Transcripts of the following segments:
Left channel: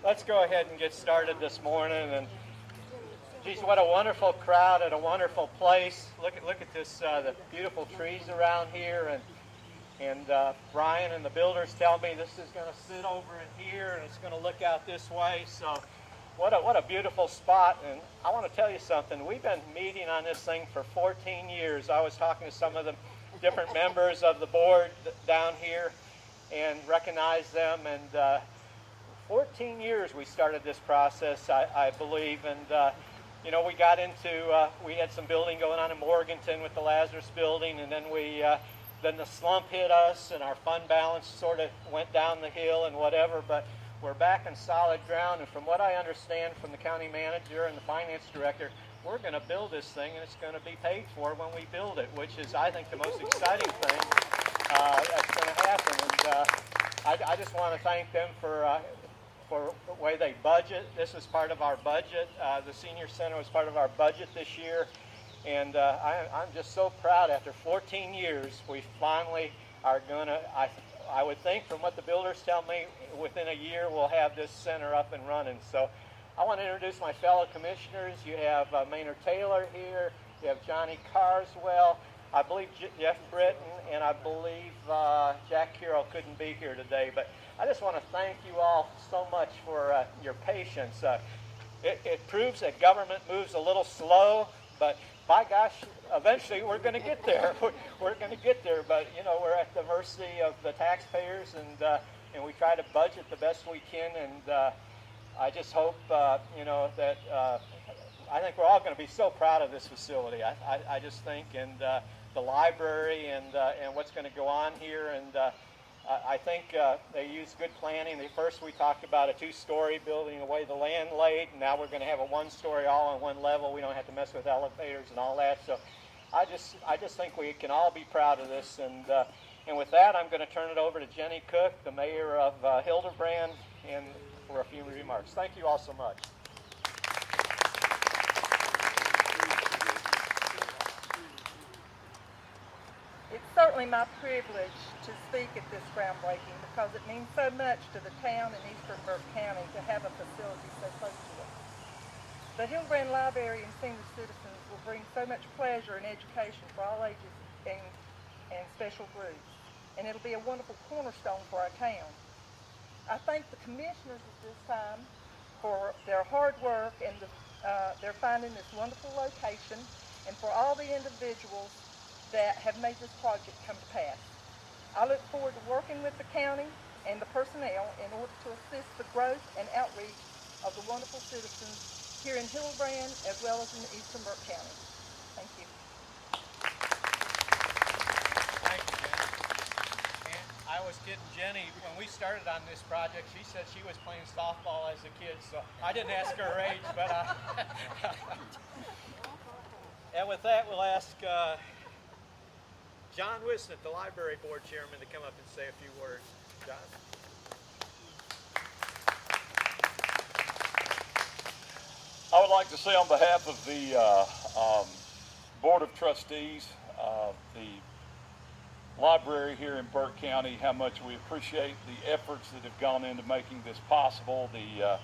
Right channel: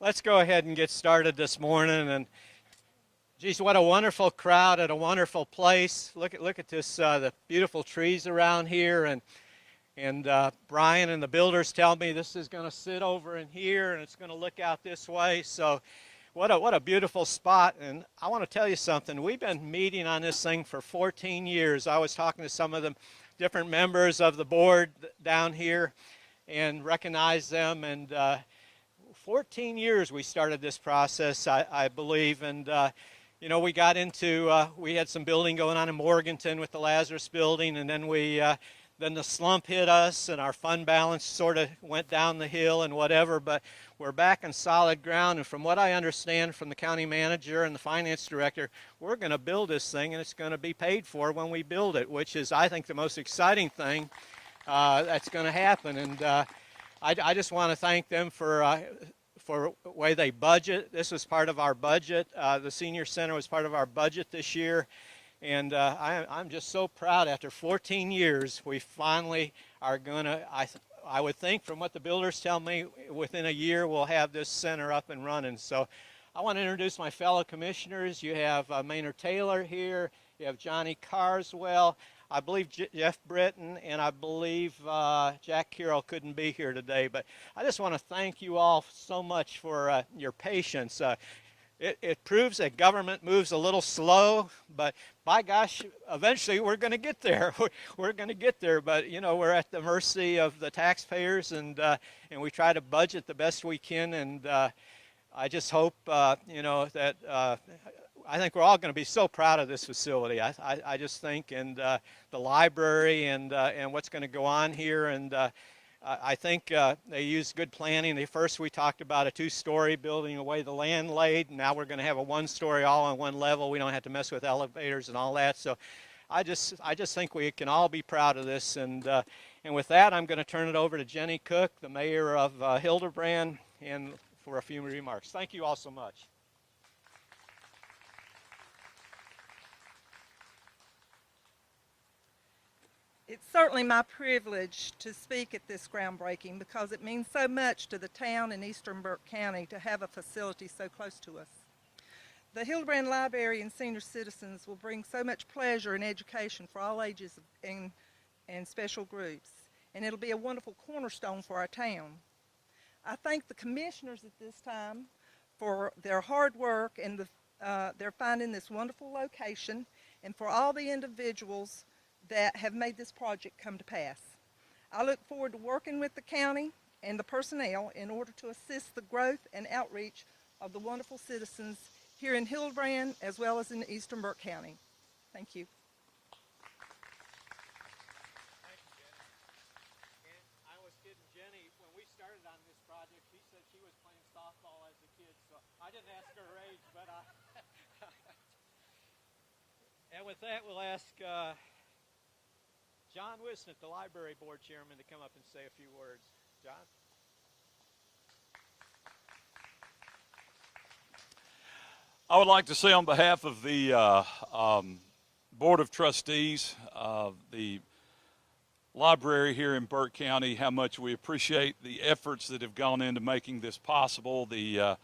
Let's go ahead and get started this morning. And geez, what a wonderful crowd at a wonderful place. Look at this, the beautiful trees around here. And Brian and the builders tell me this is going to sit over in here and it's going to look out this way. So what a beautiful spot. And I want to tell you something. We've been meeting on this thing for 14 years. I was talking to some of the different members of the board down here and recognized them. And 14 years we started this process, I believe. And you know, we got into, we had some building going on in Morganton with the Lazarus building, and then then the slump hit us and our fund balance sort of went down the hill and whatever, but we're back on solid ground. And from what I understand from the county manager and the finance director, we're going to build this thing and it's going to be paid for when we build it, which is, I think, the most exciting thing that's going to happen. And I just want to thank them for the way they budget. This was part of our budget. The senior center was part of our budget this year. And I'm just so proud. After 14 years, we finally are going to, I would think from what the builders tell me, within a year we'll have this center up and running. So I want to introduce my fellow commissioners. You have Maynard Taylor here. You have Johnny Carswell. I believe Jeff Britton, and I believe Jack Carroll couldn't be here today. But I just want to thank you all so much for your patience. It proves that government moves a little slow, but by gosh, eventually we're going to get there. We're going to get there, but you know, we're at the mercy of the taxpayers, and we try to budget the best we can. And I just hope you know that I think we're all going to be so proud of this facility. I just think, and the library and what's going to go on here. And I think they used good planning. First we talked about a two-story building away the land laid. Now we're going to have a one-story all on one level. We don't have to mess with elevators and all that. So I just think we can all be proud of this. And with that, I'm going to turn it over to Jenny Cook, the mayor of Hildebrand, and for a few remarks. Thank you all so much. It's certainly my privilege to speak at this groundbreaking because it means so much to the town in eastern Burke County to have a facility so close to us. The Hildebrand Library and senior citizens will bring so much pleasure and education for all ages and special groups, and it'll be a wonderful cornerstone for our town. I thank the commissioners at this time for their hard work and their finding this wonderful location, and for all the individuals that have made this project come to pass. I look forward to working with the county and the personnel in order to assist the growth and outreach of the wonderful citizens here in Hildebrand as well as in eastern Burke County. Thank you. Thank you, Jenny. And I was kidding Jenny when we started on this project. She said she was playing softball as a kid, so I didn't ask her age. But and with that, we'll ask John Wisnett, the library board chairman, to come up and say a few words. John. I would like to say on behalf of the Board of Trustees, the library here in Burke County, how much we appreciate the efforts that have gone into making this possible. The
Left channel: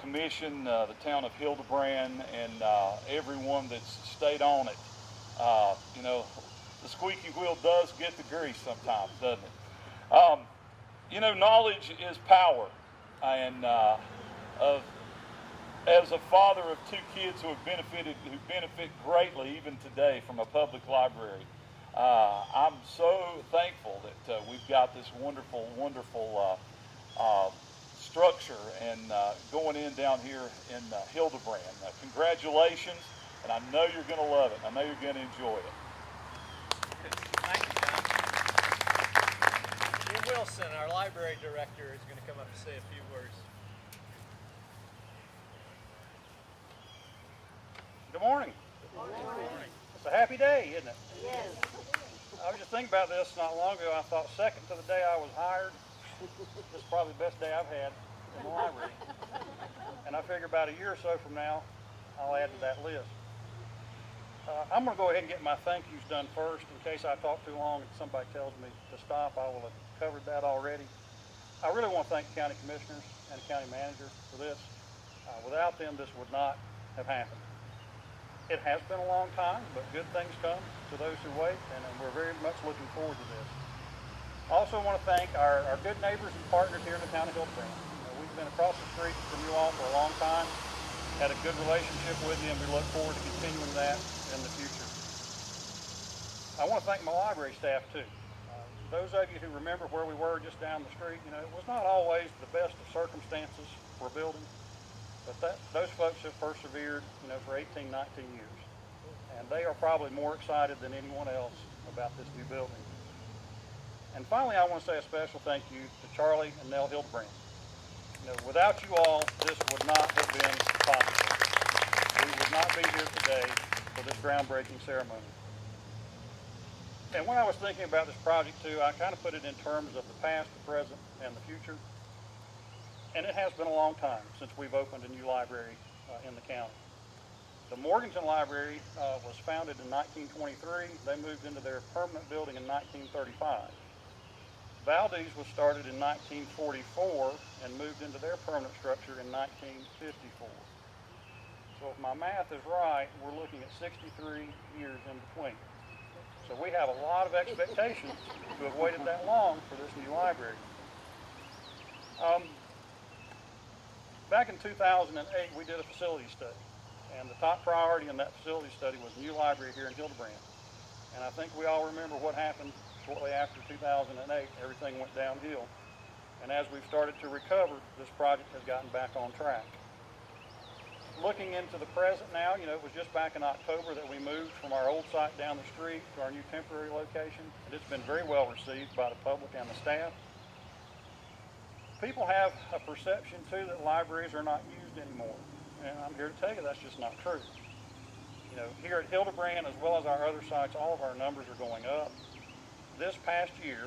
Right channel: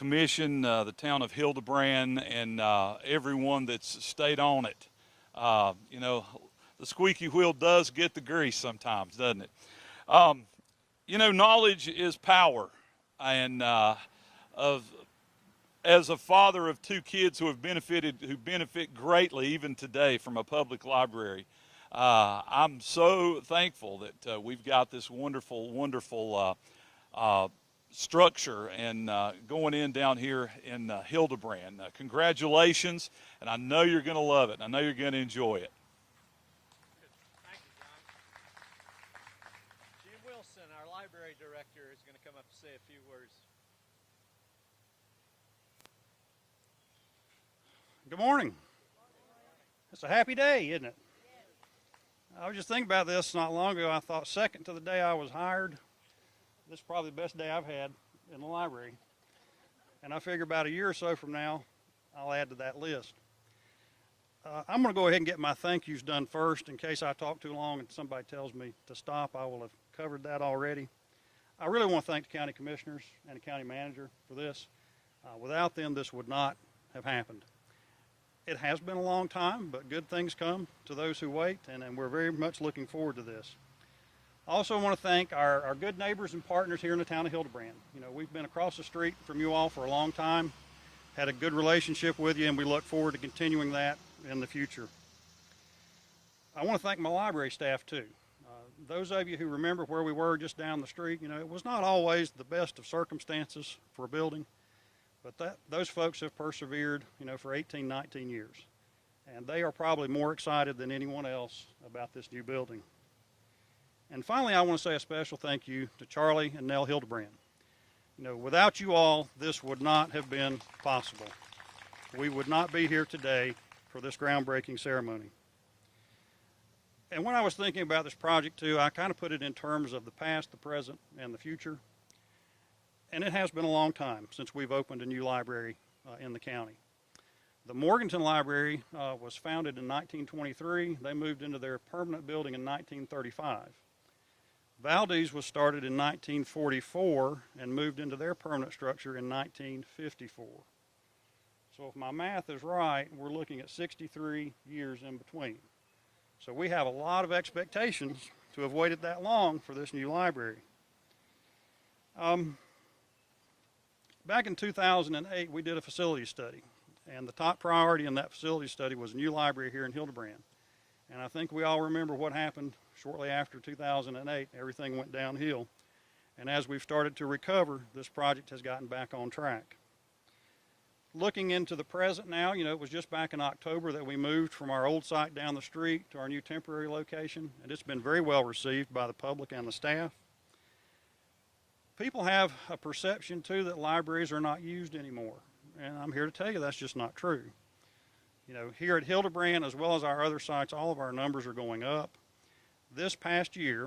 commission, the town of Hildebrand, and everyone that's stayed on it. You know, the squeaky wheel does get the grease sometimes, doesn't it? You know, knowledge is power, and as a father of two kids who benefit greatly even today from a public library, I'm so thankful that we've got this wonderful, wonderful structure and going in down here in Hildebrand. Congratulations, and I know you're going to love it. I know you're going to enjoy it. Wilson, our library director, is going to come up and say a few words. Good morning. Good morning. It's a happy day, isn't it? Yes. I was just thinking about this not long ago. I thought second to the day I was hired, this is probably the best day I've had in the library. And I figure about a year or so from now, I'll add to that list. I'm going to go ahead and get my thank yous done first in case I talk too long and somebody tells me to stop. I will have covered that already. I really want to thank the county commissioners and the county manager for this. Without them, this would not have happened. It has been a long time, but good things come to those who wait, and we're very much looking forward to this. Also, I want to thank our good neighbors and partners here in the town of Hildebrand. We've been across the street from you all for a long time, had a good relationship with you, and we look forward to continuing that in the future. I want to thank my library staff too. Those of you who remember where we were just down the street, it was not always the best of circumstances for building, but those folks have persevered, for 18, 19 years. And they are probably more excited than anyone else about this new building. And finally, I want to say a special thank you to Charlie and Nell Hildebrand. Without you all, this would not have been possible. We would not be here today for this groundbreaking ceremony. And when I was thinking about this project too, I kind of put it in terms of the past, the present, and the future. And it has been a long time since we've opened a new library in the county. The Morganton Library was founded in 1923. They moved into their permanent building in 1935. Valdez was started in 1944 and moved into their permanent structure in 1954. So if my math is right, we're looking at 63 years in between. So we have a lot of expectations to have waited that long for this new library. Back in 2008, we did a facility study, and the top priority in that facility study was a new library here in Hildebrand. And I think we all remember what happened shortly after 2008. Everything went downhill. And as we've started to recover, this project has gotten back on track. Looking into the present now, it was just back in October that we moved from our old site down the street to our new temporary location. And it's been very well received by the public and the staff. People have a perception too that libraries are not used anymore. And I'm here to tell you that's just not true. Here at Hildebrand, as well as our other sites, all of our numbers are going up. This past year,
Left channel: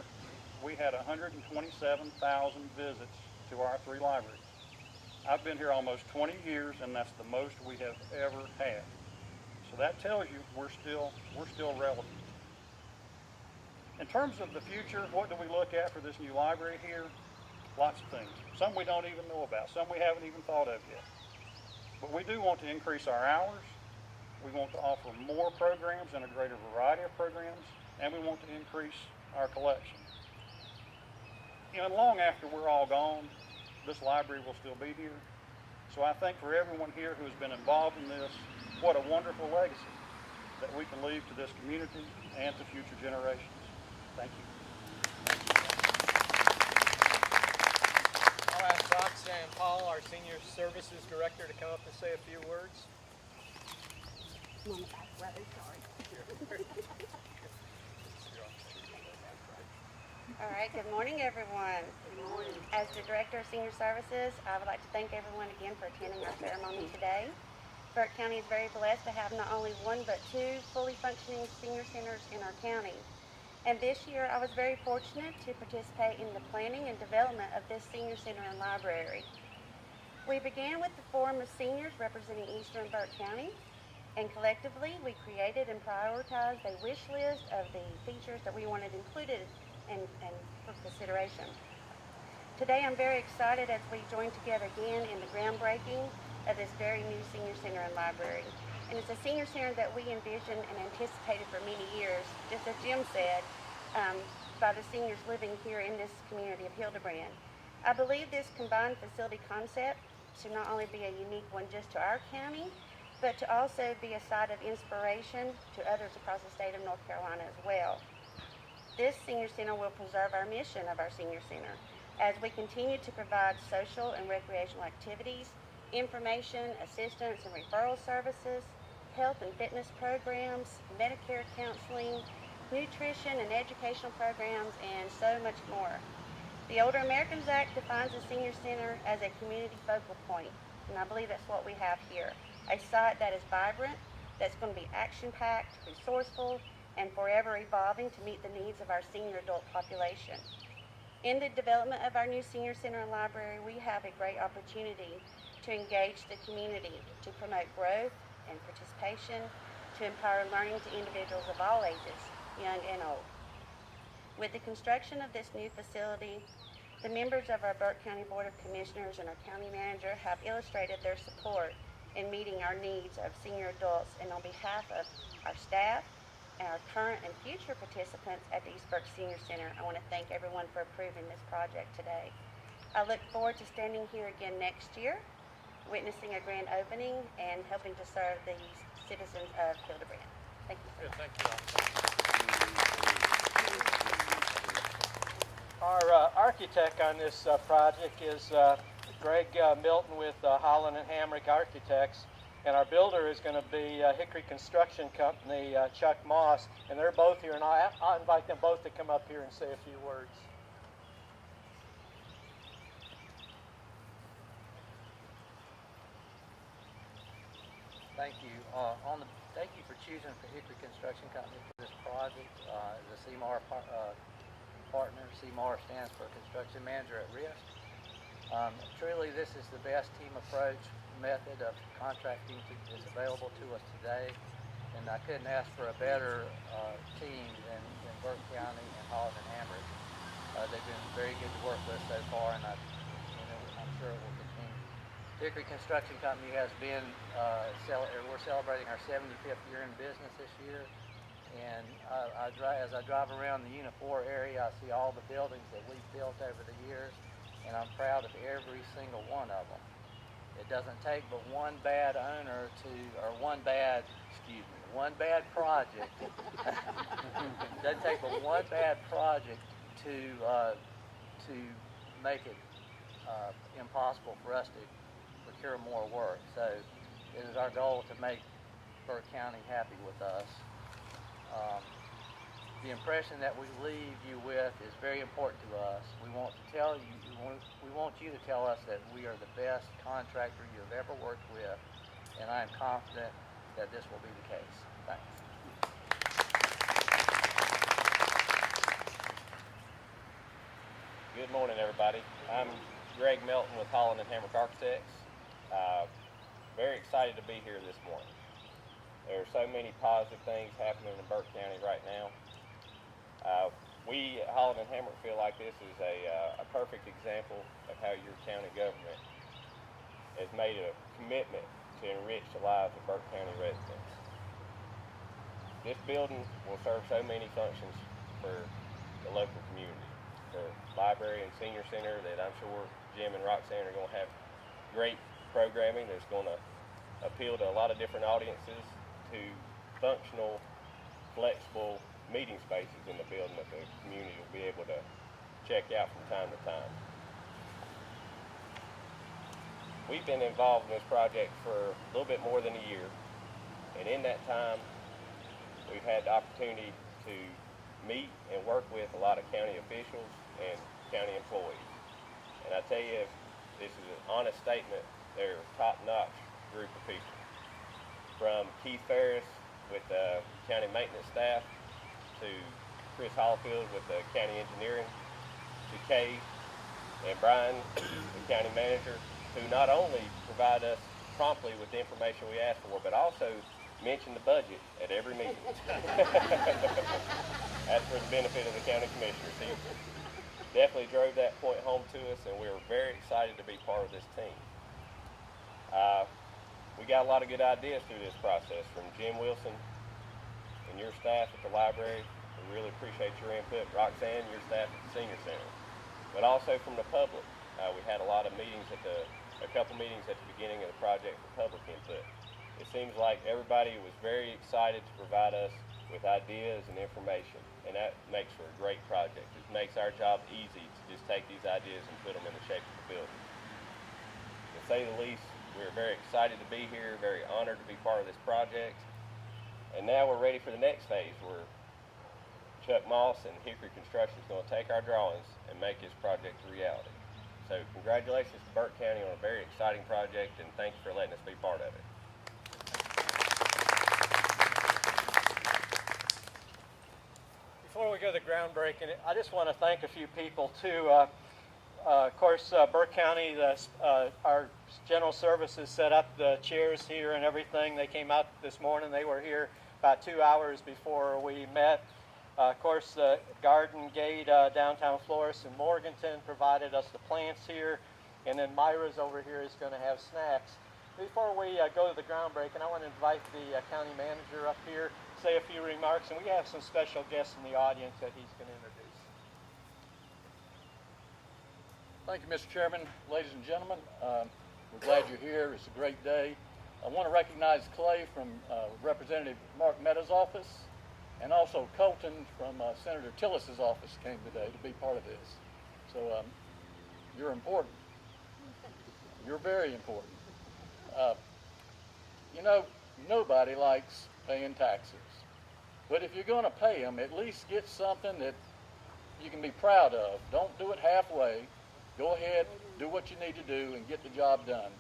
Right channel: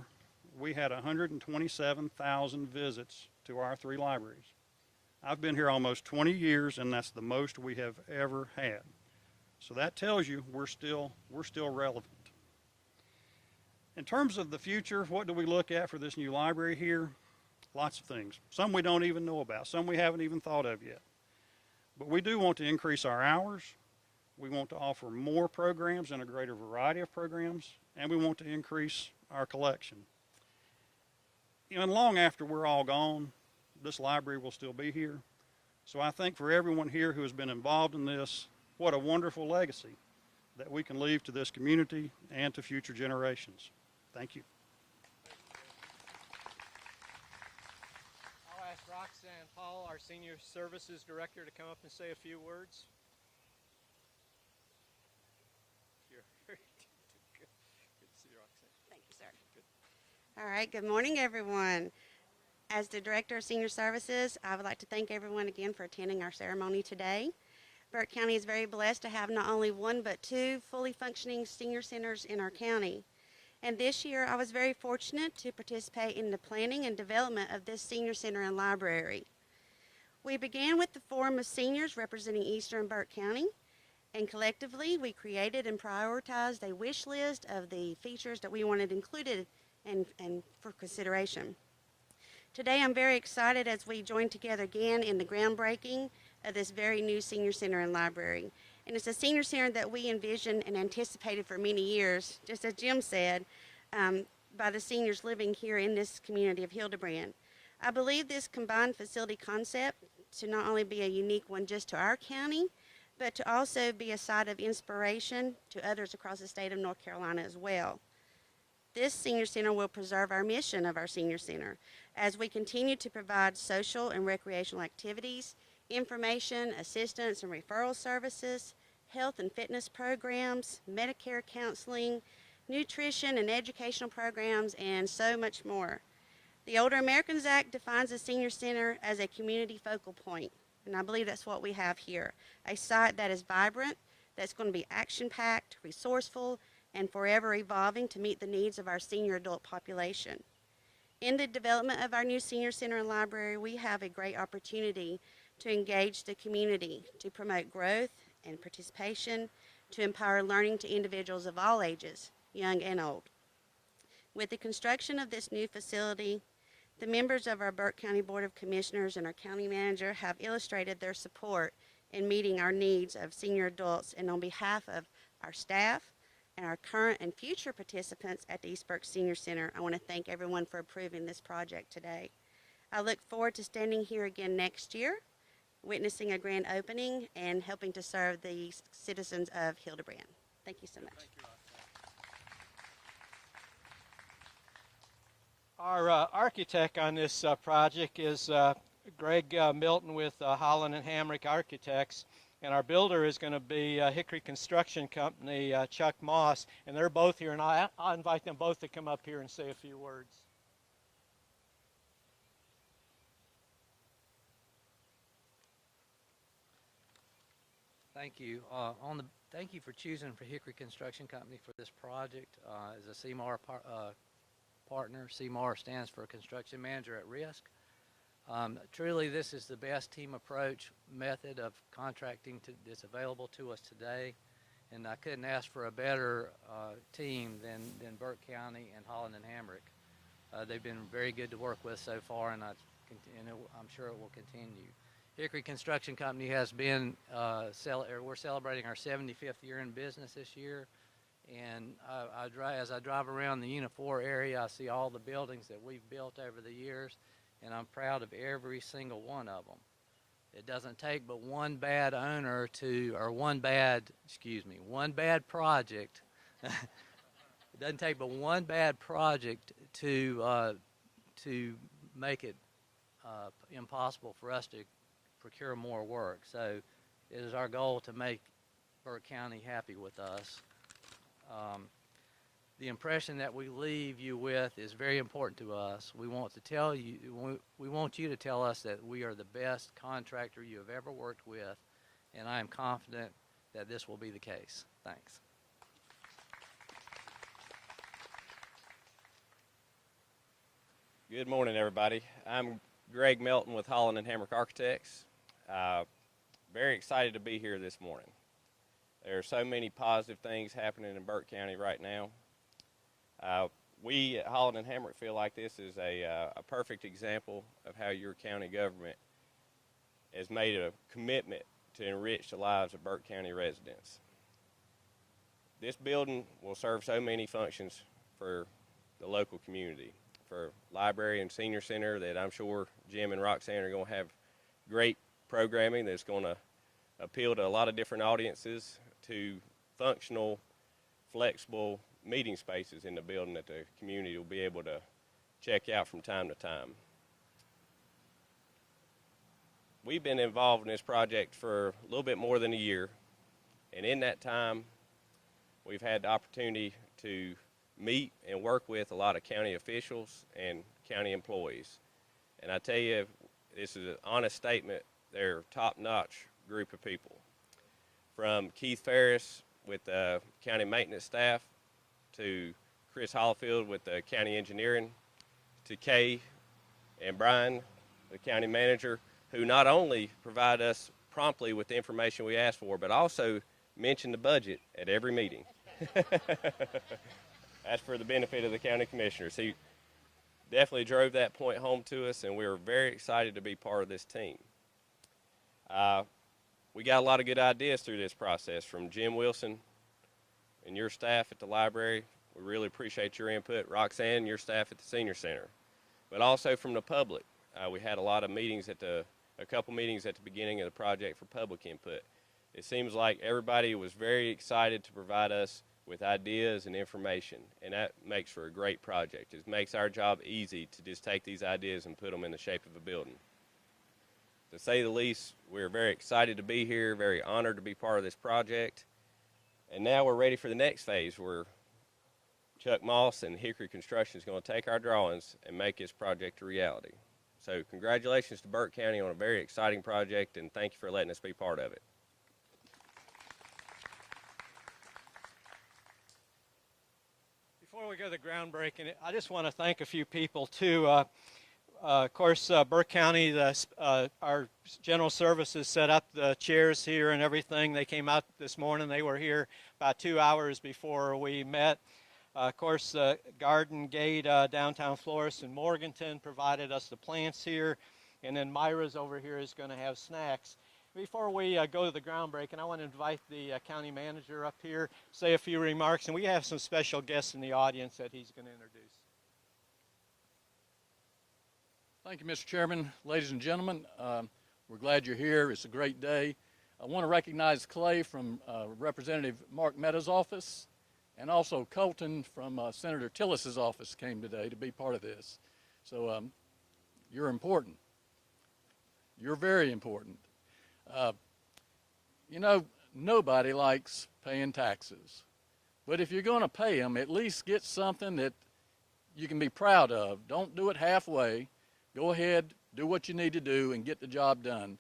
we had 127,000 visits to our 3 libraries. I've been here almost 20 years, and that's the most we have ever had. So that tells you we're still relevant. In terms of the future, what do we look at for this new library here? Lots of things. Some we don't even know about, some we haven't even thought of yet. But we do want to increase our hours. We want to offer more programs and a greater variety of programs, and we want to increase our collection. And long after we're all gone, this library will still be here. So I think for everyone here who has been involved in this, what a wonderful legacy that we can leave to this community and to future generations. Thank you. I'll ask Roxanne Paul, our Senior Services Director, to come up and say a few words. I'm on the back row, sorry. All right, good morning, everyone. As the Director of Senior Services, I would like to thank everyone again for attending our ceremony today. Burke County is very blessed to have not only 1 but 2 fully functioning senior centers in our county. And this year, I was very fortunate to participate in the planning and development of this senior center and library. We began with the Forum of Seniors representing Eastern Burke County, and collectively we created and prioritized a wish list of the features that we wanted included and for consideration. Today I'm very excited as we join together again in the groundbreaking of this very new senior center and library. And it's a senior center that we envisioned and anticipated for many years, just as Jim said, by the seniors living here in this community of Hildebrand. I believe this combined facility concept to not only be a unique one just to our county, but to also be a site of inspiration to others across the state of North Carolina as well. This senior center will preserve our mission of our senior center as we continue to provide social and recreational activities, information, assistance and referral services, health and fitness programs, Medicare counseling, nutrition and educational programs, and so much more. The Older Americans Act defines a senior center as a community focal point, and I believe that's what we have here. A site that is vibrant, that's going to be action-packed, resourceful, and forever evolving to meet the needs of our senior adult population. In the development of our new senior center and library, we have a great opportunity to engage the community, to promote growth and participation, to empower learning to individuals of all ages, young and old. With the construction of this new facility, The members of our Burke County Board of Commissioners and our county manager have illustrated their support in meeting our needs of senior adults, and on behalf of our staff and our current and future participants at the East Burke Senior Center, I want to thank everyone for approving this project today. I look forward to standing here again next year, witnessing a grand opening and helping to serve the citizens of Hildebrand. Thank you so much. Our architect on this project is Greg Milton with Holland and Hamrick Architects, and our builder is going to be Hickory Construction Company, Chuck Moss, and they're both here, and I'll invite them both to come up here and say a few words. Thank you. Thank you for choosing for Hickory Construction Company for this project. As a CMAR partner, CMAR stands for Construction Manager at Risk. Truly, this is the best team approach method of contracting that's available to us today, and I couldn't ask for a better team than Burke County and Holland and Hamrick. They've been very good to work with so far, and I'm sure it will continue. Hickory Construction Company has been, we're celebrating our 75th year in business this year, and as I drive around the Unit 4 area, I see all the buildings that we've built over the years, and I'm proud of every single one of them. It doesn't take but one bad owner one bad project. Doesn't take but one bad project to make it impossible for us to procure more work. So it is our goal to make Burke County happy with us. The impression that we leave you with is very important to us. We want you to tell us that we are the best contractor you have ever worked with, and I am confident that this will be the case. Thanks. Good morning, everybody. I'm Greg Melton with Holland and Hamrick Architects. Very excited to be here this morning. There are so many positive things happening in Burke County right now. We at Holland and Hamrick feel like this is a perfect example of how your county government has made a commitment to enrich the lives of Burke County residents. This building will serve so many functions for the local community, for library and senior center that I'm sure Jim and Roxanne are going to have great programming that's going to appeal to a lot of different audiences, to functional, flexible meeting spaces in the building that the community will be able to check out from time to time. We've been involved in this project for a little bit more than a year, and in that time we've had the opportunity to meet and work with a lot of county officials and county employees. And I tell you, this is an honest statement, they're a top-notch group of people. From Keith Ferris with the county maintenance staff, to Chris Hollifield with the county engineering, to Kay and Brian, the county manager, who not only provide us promptly with the information we ask for, but also mention the budget at every meeting. That's for the benefit of the county commissioners. He definitely drove that point home to us, and we were very excited to be part of this team. We got a lot of good ideas through this process from Jim Wilson and your staff at the library. We really appreciate your input. Roxanne, your staff at the senior center. But also from the public. We had a couple meetings at the beginning of the project for public input. It seems like everybody was very excited to provide us with ideas and information, and that makes for a great project. It makes our job easy to just take these ideas and put them in the shape of a building. To say the least, we're very excited to be here, very honored to be part of this project. And now we're ready for the next phase where Chuck Moss and Hickory Construction is going to take our drawings and make this project a reality. So congratulations to Burke County on a very exciting project, and thank you for letting us be part of it. Before we go to the groundbreaking, I just want to thank a few people too. Of course, Burke County, our general services set up the chairs here and everything. They came out this morning. They were here about 2 hours before we met. Of course, the Garden Gate downtown florist in Morganton provided us the plants here, and then Myra's over here is going to have snacks. Before we go to the groundbreaking, I want to invite the county manager up here, say a few remarks, and we have some special guests in the audience that he's going to introduce. Thank you, Mr. Chairman. Ladies and gentlemen, we're glad you're here. It's a great day. I want to recognize Clay from Representative Mark Meadows' office, and also Colton from Senator Tillis's office came today to be part of this. So you're important. You're very important. You know, nobody likes paying taxes. But if you're going to pay them, at least get something that you can be proud of. Don't do it halfway. Go ahead, do what you need to do, and get the job done.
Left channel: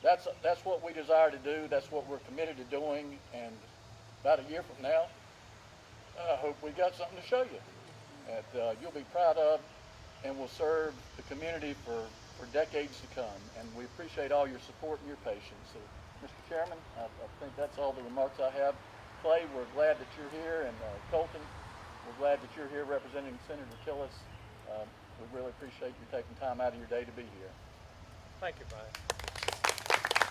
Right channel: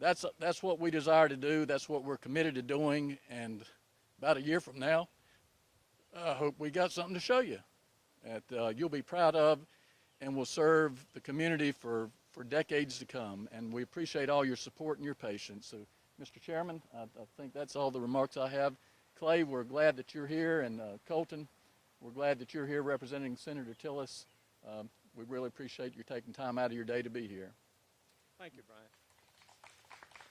That's what we desire to do. That's what we're committed to doing. And about a year from now, I hope we got something to show you that you'll be proud of and will serve the community for decades to come. And we appreciate all your support and your patience. So, Mr. Chairman, I think that's all the remarks I have. Clay, we're glad that you're here, and Colton, we're glad that you're here representing Senator Tillis. We really appreciate you taking time out of your day to be here. Thank you, Brian.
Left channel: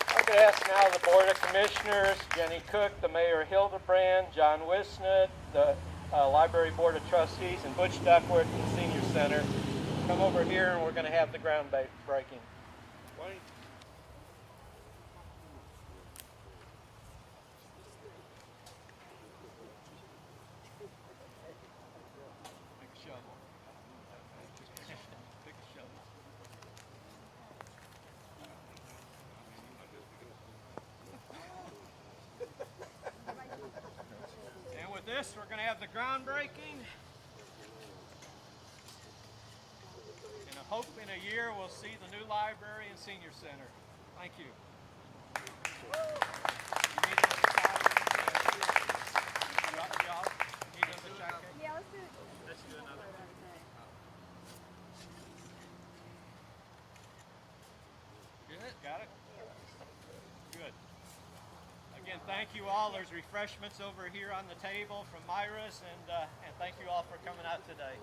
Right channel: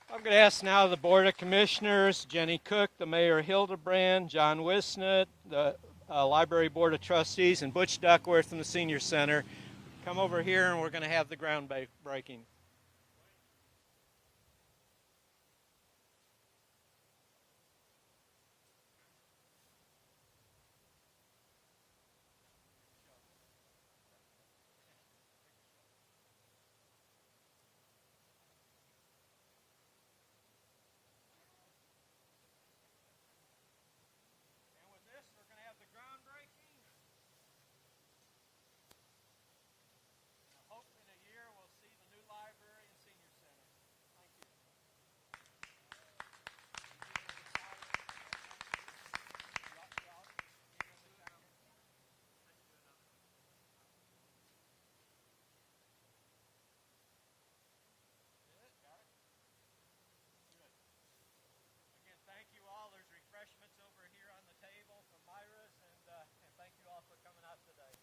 I'm going to ask now the Board of Commissioners, Jenny Cook, the Mayor Hildebrand, John Wisnett, the Library Board of Trustees, and Butch Duckworth from the Senior Center. Come over here and we're going to have the groundbreaking. And with this, we're going to have the groundbreaking. And I hope in a year we'll see the new library and senior center. Thank you. Got it? Good. Again, thank you all. There's refreshments over here on the table from Myra's, and thank you all for coming out today.